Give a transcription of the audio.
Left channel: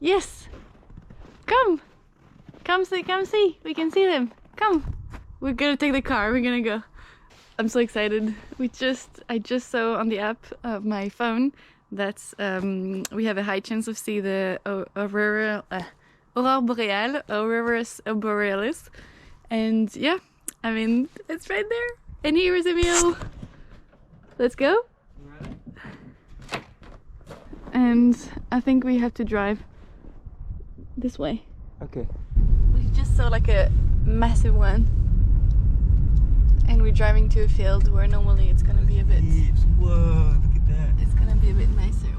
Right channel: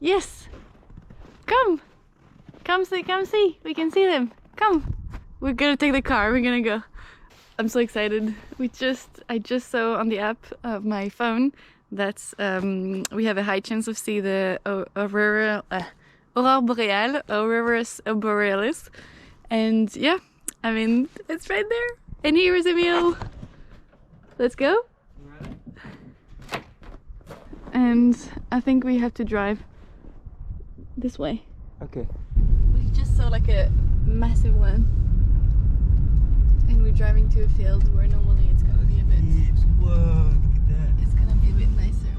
Yes! Come! Come see, come see! We can see them! Come! We're gonna take the car, we're gonna go. I'm so excited. I just saw on the app of my phone that we have a high chance of see the Aurora boreal, auroras borealis. And yeah, I mean, it's right there. And here is Emil. Let's go. And I think we have to drive this way. Okay. We just saw like a massive one. And we're driving to a field where normally it's gonna be a bit... Whoa, look at that. It's gonna be a bit nicer.